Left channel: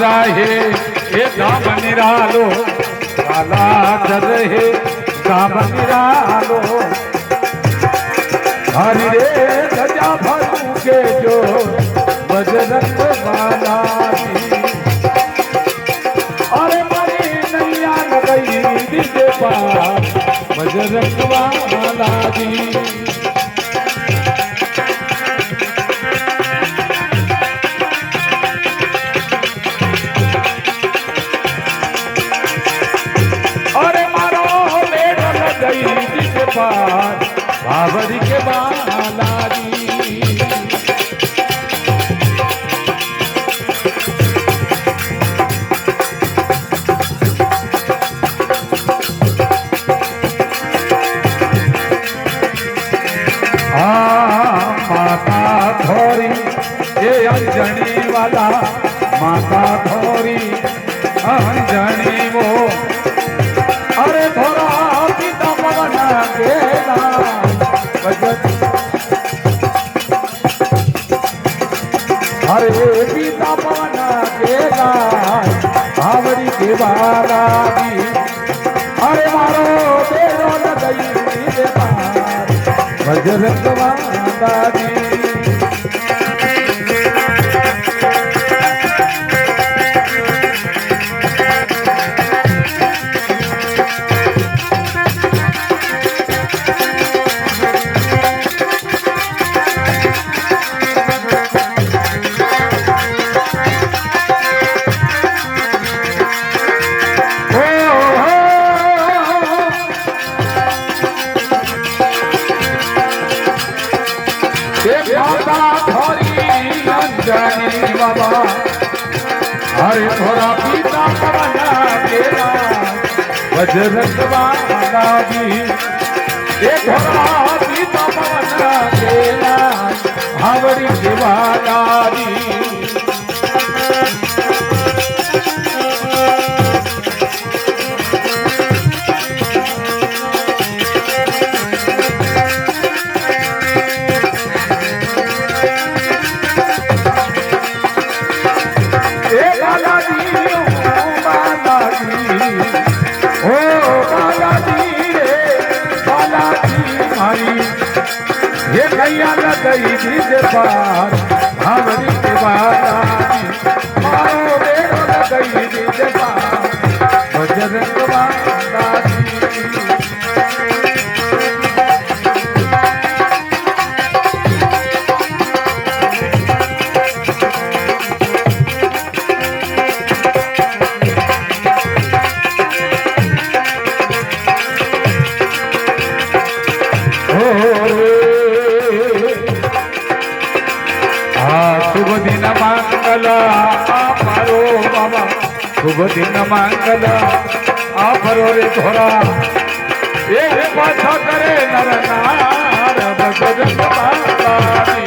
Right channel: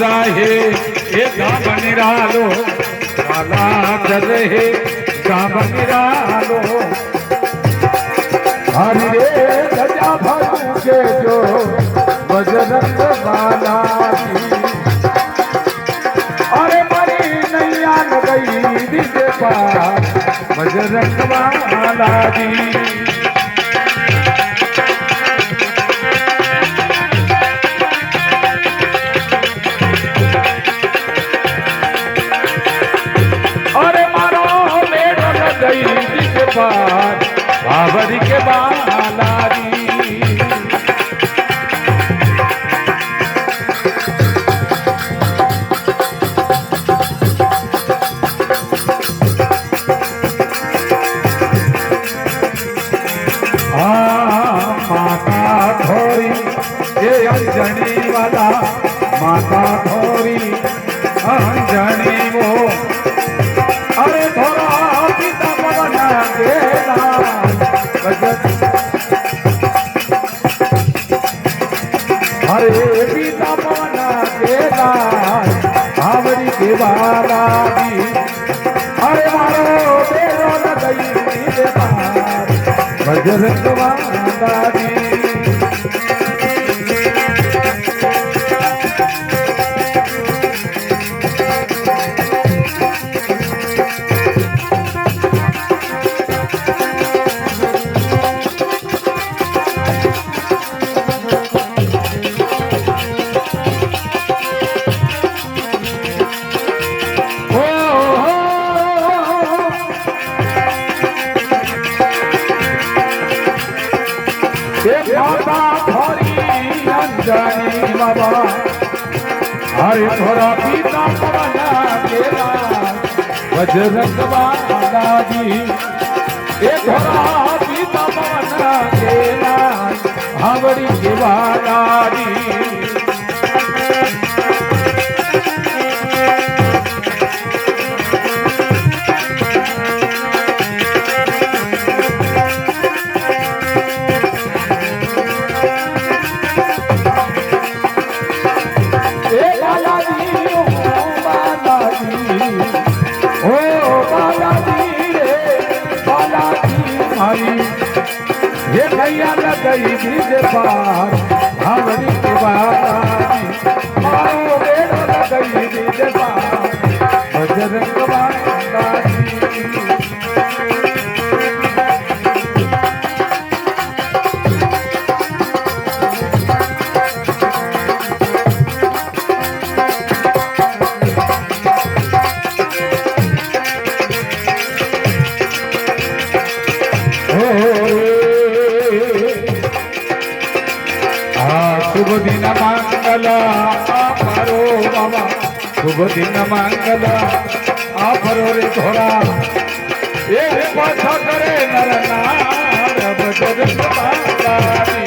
राहे ये धाम निरालो काला चले धाम निरालो हरि रे गजा भरू के जो बजरंग बाला अरे मरी नैया गई दीजे पार बजरंग बाला जी बाबरी के बालाजी माता थोरी ये अंजनी वाला माता थोरी अंजनी वो अरे थोड़ा पिता पवन गेला हरे पिता पवन गेला आवरी के बालाजी अरे मारो तेरो नदई दे पार बजरंग बालाजी बाबा हरे थोड़ा पीता पवना केला बजरंग बालाजी ये थोड़ा पीता पवना केला हावड़ी के बालाजी ये नैया गई दीजे पार भावरी के बालाजी मारो बेड़ो गई दीजे पार बजरंग बालाजी शुभ दिन मंगल आपरो बाबा शुभ दिन मंगल आपरो रे थोड़ा एक पाछा करे नर नार बजरंग बालाजी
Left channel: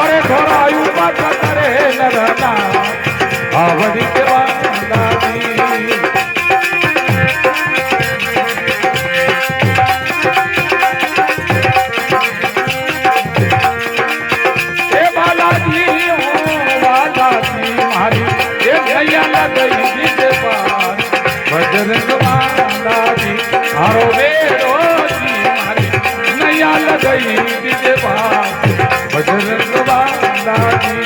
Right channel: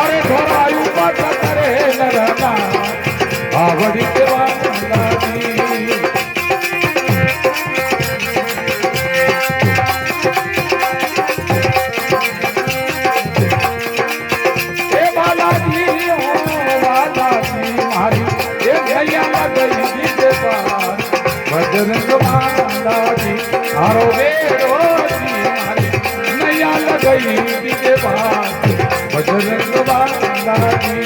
अरे थोड़ा यू पाछा करे नर नार आवड़ी के बालाजी बजरंग बालाजी हारो बेरो मारी नैया लगई दीजे पार बजरंग बालाजी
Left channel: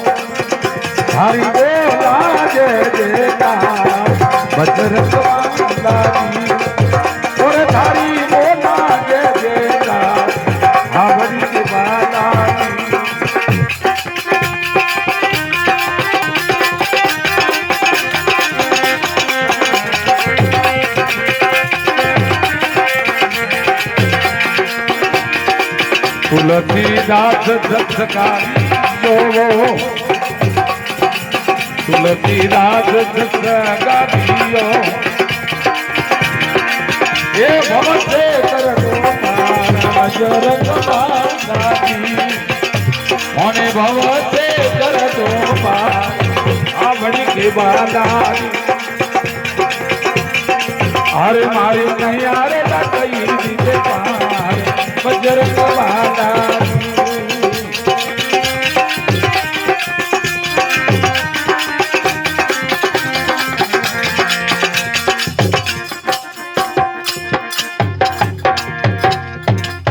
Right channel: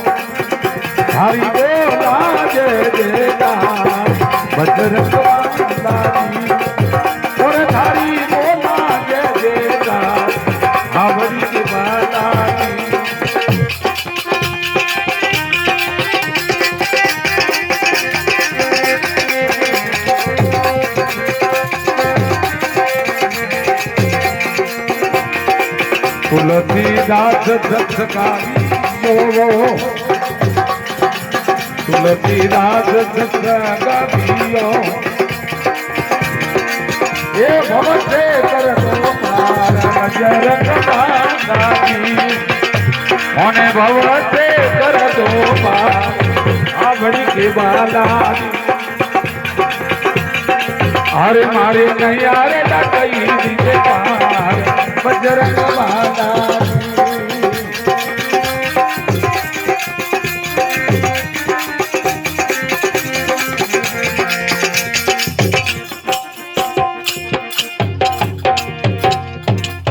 हरि देवा जय देता बजरंग बालाजी और हरि देवा जय देता हरि के बालाजी तुलसीदास सत्सकारी तुलसीदास सत्सगारियो ये भव से बजरंग बांधानी होने भव से कर दो आवड़ी के बाला अरे मारे नहीं आरे लगई दीजे पार बजरंग बांधानी